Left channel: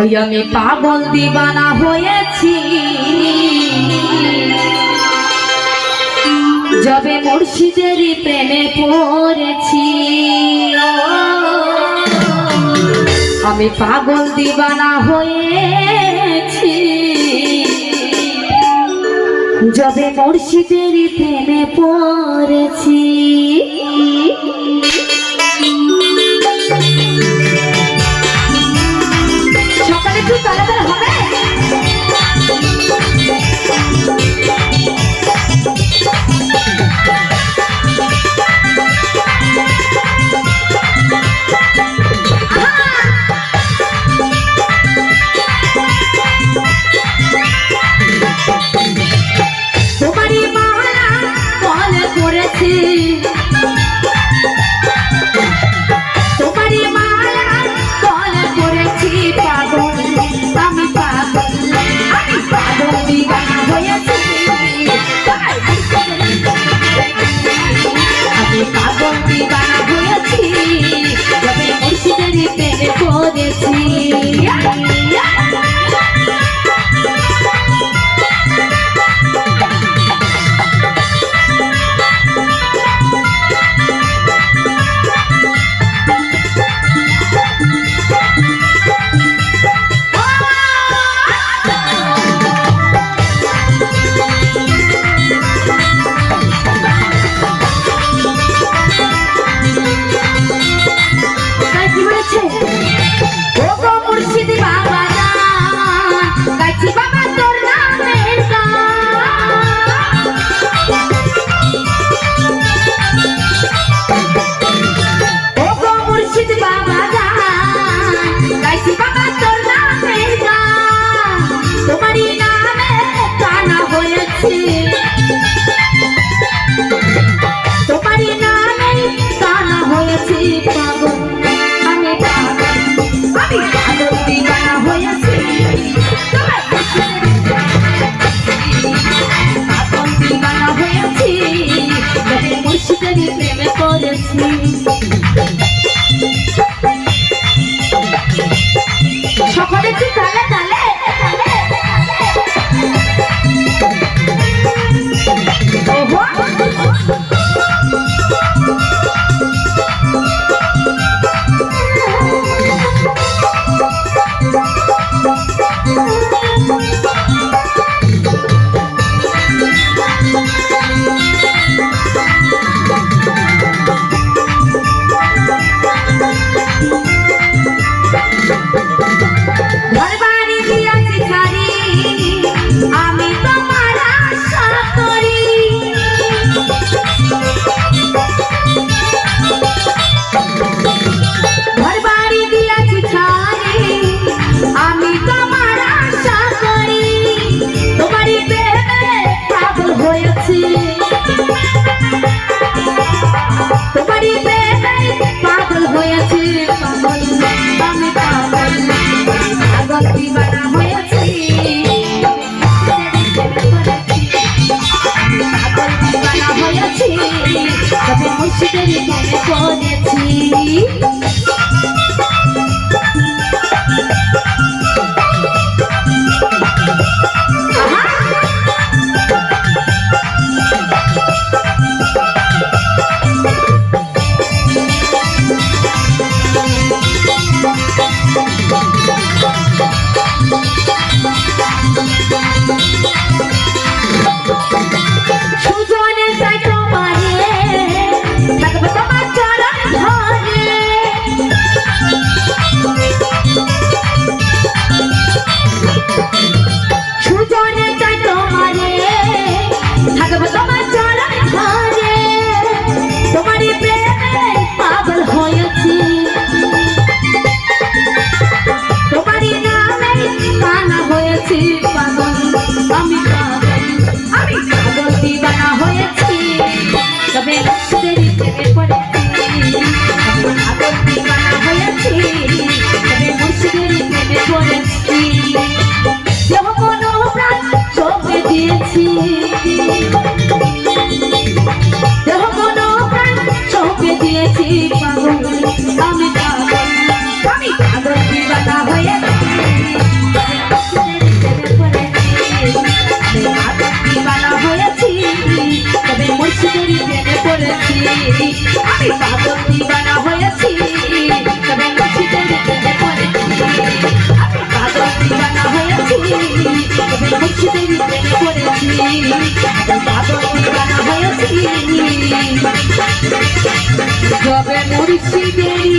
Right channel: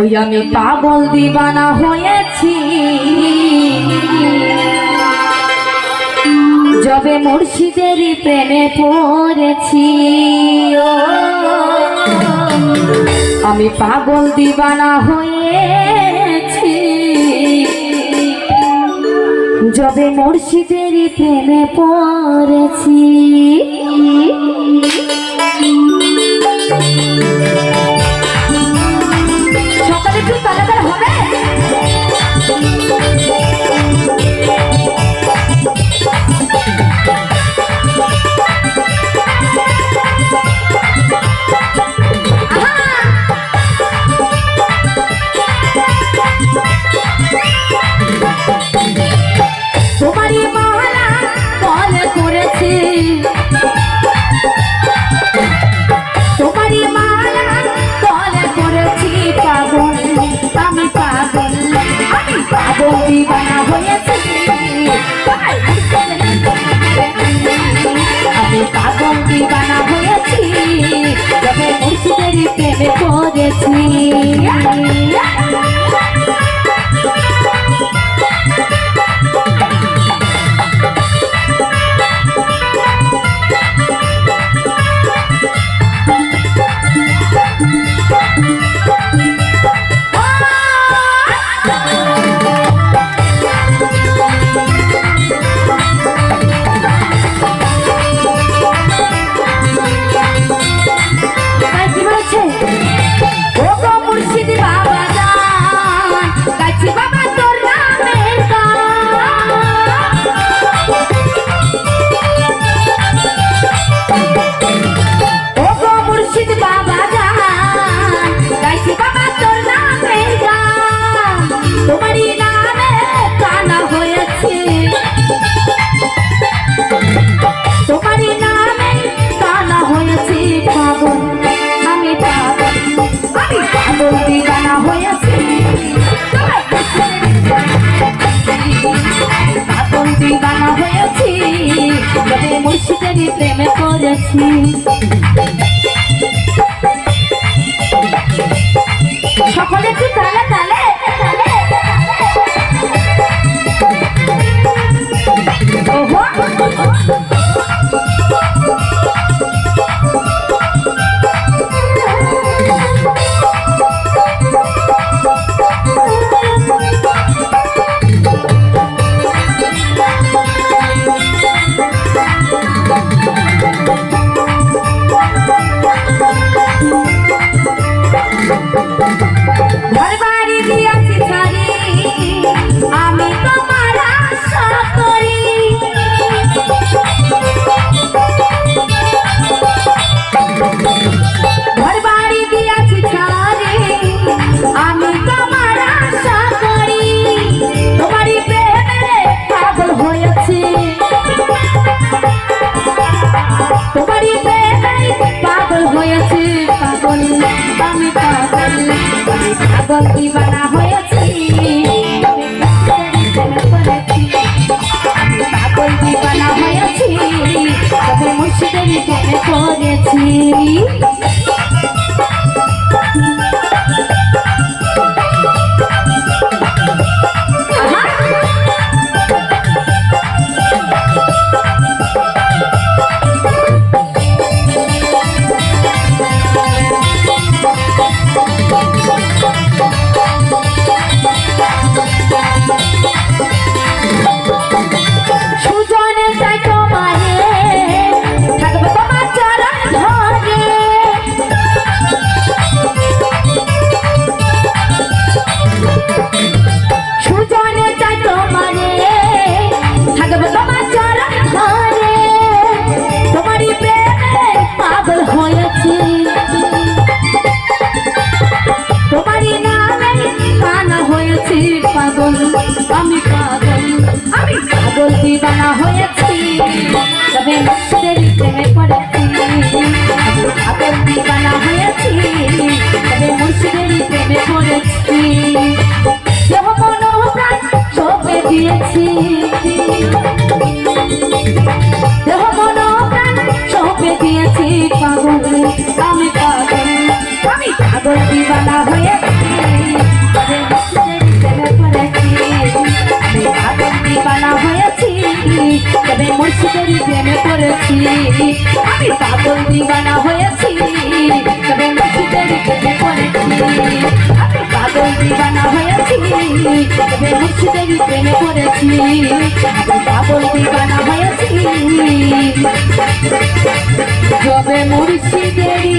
ওই আমি পাগল দিবানা হয়েছি। যবে মুর্শিদের প্রেমে পড়েছি আমি পাগল দিবানা হয়েছি। যবে মুর্শিদের প্রেমে পড়েছি মুর্শিদের প্রেমে পড়েছি সকলে কি তারা তালে তবে মুর্শিদের মনে করেছি। আমি আমি পাগল দিবানা হয়েছি। তবে ভক্তের প্রেমে পড়েছি। পাগল দিবানা হয়েছি। তবে মুশকিল প্রেমে পড়েছি। আমি প্রেমে পড়েছি। পাগল দিবানা হয়েছি তবে মাছি দেরি প্রেমে পড়েছি। আমি পাগল দিবানা হয়েছি তবে মাছি দেরি প্রেমে পড়েছি পাগল দিবানা হয়েছি তবে মুর্শিদেরি